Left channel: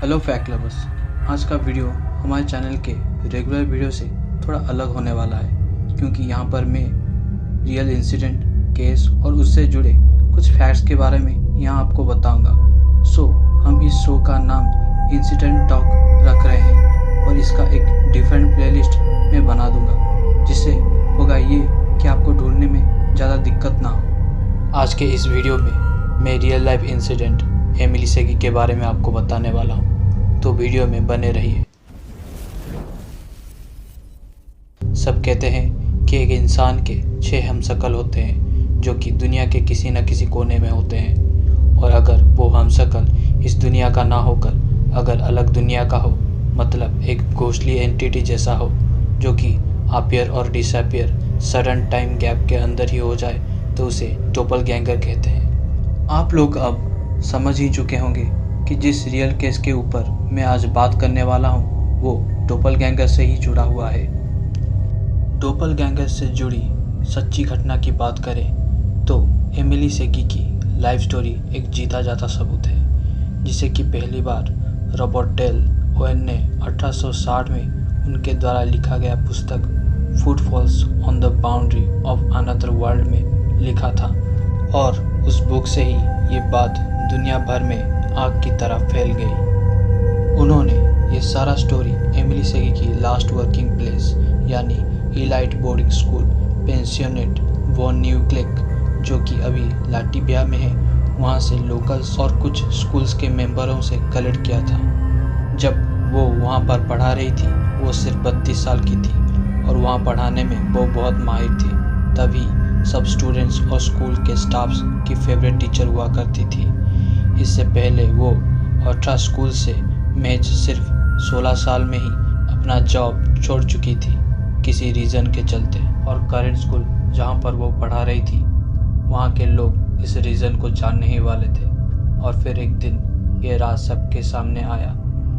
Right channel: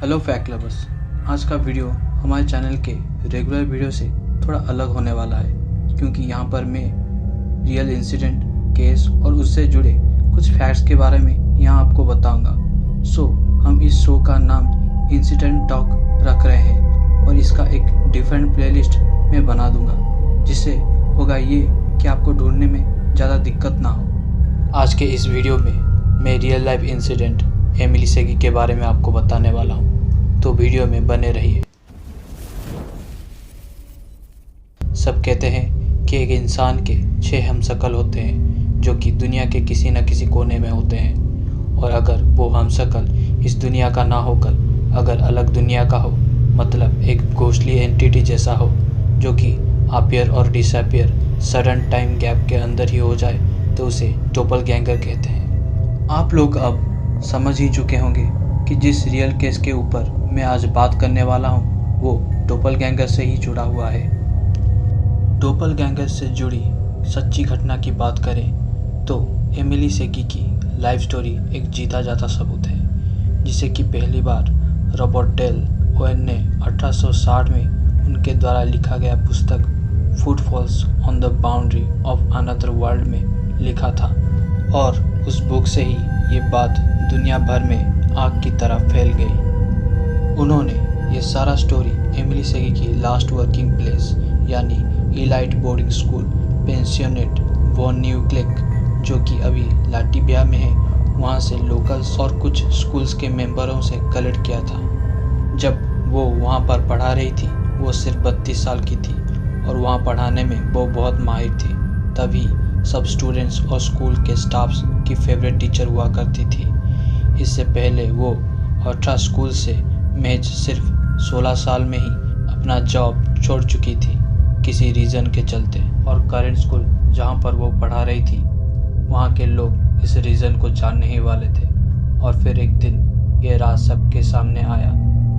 Hello fact lovers. आज का video हमारे चैनल के रेगुलर वीडियो से थोड़ा अलग होने वाला है, क्योंकि यहाँ पर मैं रियल इंसिडेंट, केस और उससे जुड़े कुछ फैक्ट्स के बारे में यहाँ आपको बताऊंगा। हम इस शो का नाम इंसिडेंट टॉक रख रहे हैं और इसका एक डिफरेंट प्लेलिस्ट मैं बना दूंगा, जिससे होगा ये कि आपको ढूंढने में ज़्यादा दिक्कत ना हो। आज के इस वीडियो में मैं रियल लाइफ इंसिडेंट एमिली सेगी के बारे में आपको बताने वाला हूँ, तो वीडियो में बने रहिए। सब कहते हैं कि एक इंसान के 6 हमशक्ल होते हैं जो कि दुनिया के किसी न किसी कोने में होते हैं, और अगर वो हमशक्ल इस दुनिया का ना होकर अगर अलग दुनिया का हो, मतलब एक घोस्टली एंटिटी जैसा हो जो कि अपीयर और डिसअपीयर सडन टाइम गैप के अंदर ही हो जाए, तो उसे डोपलगैंगर कहते हैं। आप लोग अब समझ ही चुके होंगे कि जिस रियल केस के ऊपर मैं आज बात करने वाला हूँ वो डोपलगैंगर से ही जुड़ा हुआ है। डोपलगैंगर से जुड़ी सच्ची घटना की बात करें तो एमिली सेगी की लाइफ स्टोरी एक जीता जाता सबूत है, जिसे कि पहली बार रॉबर्ट डेल ओवेन ने 1860 में उनके द्वारा लिखा गया पुस्तक footfalls on the boundary of another world में लिखा था, और उस बुक से ही ये बात दुनिया भर में आग की तरह फैल गई। उन्होंने ये सारा स्टोरी एमिली सेगी की लास्ट वर्किंग प्लेस यानी elite boarding school Pensionat von Neuwelcke, जो कि अभी लाटविया में है, वहाँ से लोकल्स और कुछ स्कूल्स के मेंबरों से कलेक्ट किया था। जब वो वहाँ पर पढ़ा रही थी वो सिर्फ 32 साल की थी और वहाँ पढ़ाने में वो बहुत माहिर थी। तभी सब स्टूडेंट्स और स्कूल के स्टाफ्स की फेवरेट टीचर हुआ करती थी। इससे पहले वो अल्ट्रा स्कूल से महज सिर्फ 16 साल में ही अपना जॉब छोड़ चुकी थी किसी रीज़न के चलते, और करेंट स्कूल जहाँ पर वो पढ़ा रही थी वहाँ के लोग इस रीज़न को जानने ही वाले थे। और फिर एक दिन ये राज सबके सामने आया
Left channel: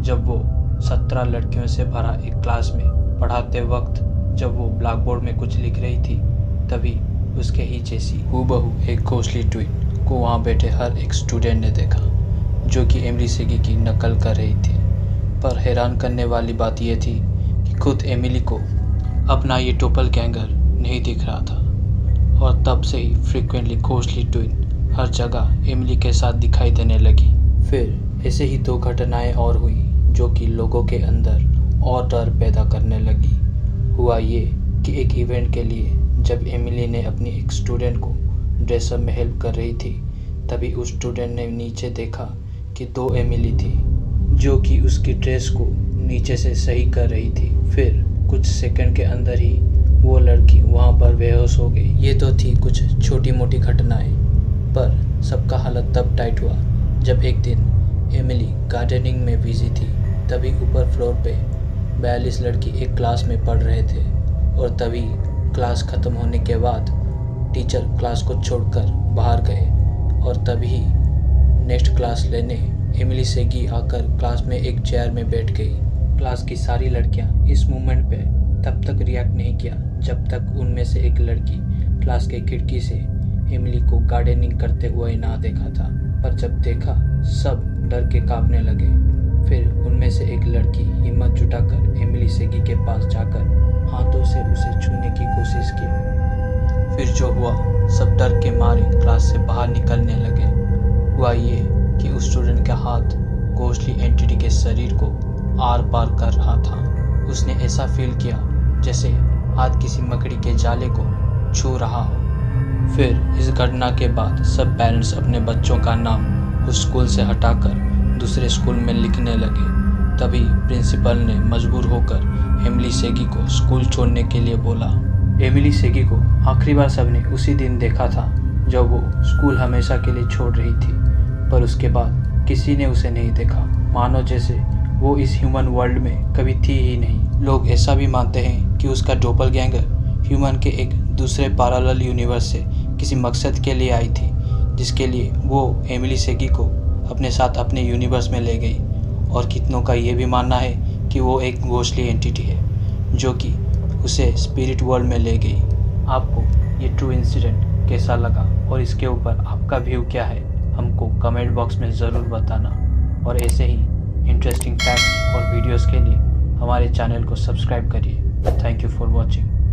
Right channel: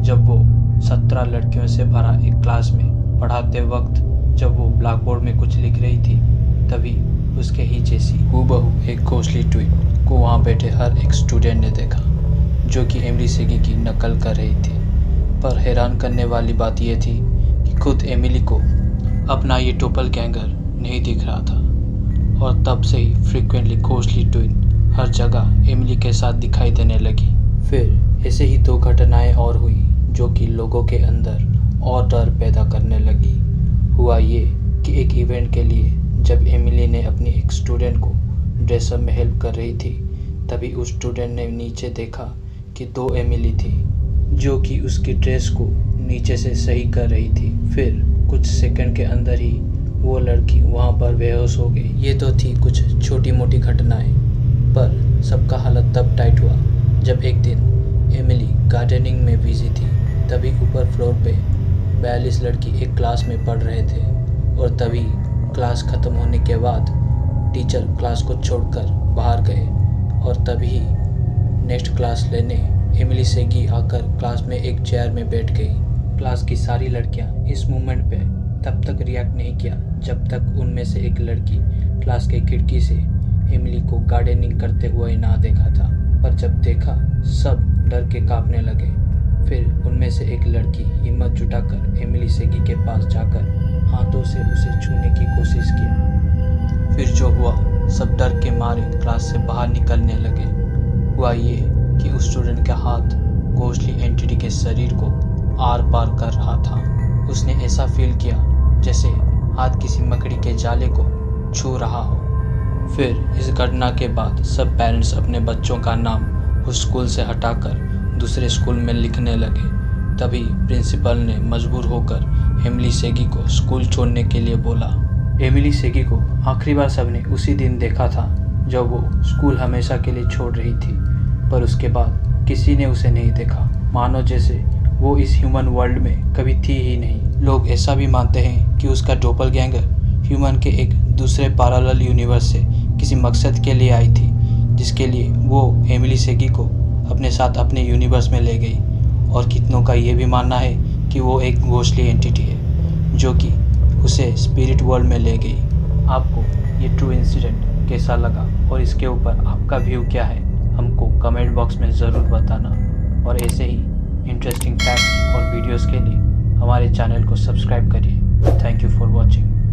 जब वो 17 लड़कियों से भरा एक क्लास में पढ़ाते वक्त जब वो ब्लैक बोर्ड में कुछ लिख रही थी, तभी उसके ही जैसी हूबहू एक घोस्टली ट्विन को वहाँ बैठे हर एक स्टूडेंट ने देखा, जो कि एमिली सेगी की नकल कर रही थी। पर हैरान करने वाली बात यह थी कि खुद एमिली को अपना ये डोपलगैंगर नहीं दिख रहा था, और तब से ही फ्रीक्वेंटली घोस्टली ट्विन हर जगह एमिली के साथ दिखाई देने लगी। फिर ऐसे ही 2 घटनाएं और हुई जो कि लोगों के अंदर और डर पैदा करने लगी। हुआ ये कि एक इवेंट के लिए जब एमिली ने अपनी एक स्टूडेंट को ड्रेसअप में हेल्प कर रही थी, तभी उस स्टूडेंट ने नीचे देखा कि 2 एमिली थी जो कि उसकी ड्रेस को नीचे से सही कर रही थी। फिर कुछ सेकंड के अंदर ही वो लड़की वहाँ पर बेहोश हो गई। ये तो थी कुछ छोटी मोटी घटनाएं, पर सबका हालत तब टाइट हुआ जब एक दिन एमिली गार्डनिंग में बिजी थी। तभी ऊपर फ्लोर पे 42 लड़की एक क्लास में पढ़ रहे थे, और तभी क्लास ख़त्म होने के बाद टीचर क्लास को छोड़कर बाहर गए, और तभी नेक्स्ट क्लास लेने एमिली सेगी आकर क्लास में एक चेयर में बैठ गई। क्लास की सारी लड़कियां इस मूवमेंट पे तब तक रिएक्ट नहीं किया जब तक उनमें से एक लड़की क्लास के खिड़की से एमिली को गार्डनिंग करते हुए ना देखा था। पर जब देखा सब डर के कांपने लगे। फिर उनमें से एक लड़की हिम्मत जुटाकर एमिली सेगी के पास जाकर हाथों से उसे छूने की कोशिश किया। फिर जो हुआ, सब डर के मारे क्लास से बाहर निकलने लगे। हुआ ये कि उस स्टूडेंट का हाथ घोस्टली एंटिटी के शरीर को आर पार कर रहा था। उसने ऐसा फील किया जैसे हाथ किसी मकड़ी के जाले को छू रहा हो। फिर इस घटना के बाद सब पेरेंट्स अपने बच्चों का नाम उस स्कूल से हटाकर दूसरे स्कूल में लिखने लगे। तभी प्रिंसिपल ने मजबूर होकर एमिली सेगी को स्कूल छोड़ने के लिए बोला। एमिली सेगी को आखिरी बार सबने उसी दिन देखा था जब वो स्कूल हमेशा के लिए छोड़ रही थी, पर उसके बाद किसी ने उसे नहीं देखा, मानो जैसे वो इस ह्यूमन वर्ल्ड में कभी थी ही नहीं। लोग ऐसा भी मानते हैं कि उसका डोपलगैंगर ह्यूमन के एक दूसरे पैरेलल यूनिवर्स से किसी मकसद के लिए आई थी, जिसके लिए वो एमिली सेगी को अपने साथ अपने यूनिवर्स में ले गई। और कितनों का ये भी मानना है कि वो एक घोस्टली एंटिटी है जो कि उसे स्पिरिट वर्ल्ड में ले गई। आपको ये ट्रू इंसिडेंट कैसा लगा और इसके ऊपर आपका व्यू क्या है, हमको कमेंट बॉक्स में ज़रूर बताना। और ऐसे ही इंटरेस्टिंग फैक्ट्स और वीडियोस के लिए हमारे चैनल को सब्सक्राइब करिए। Thank you for watching.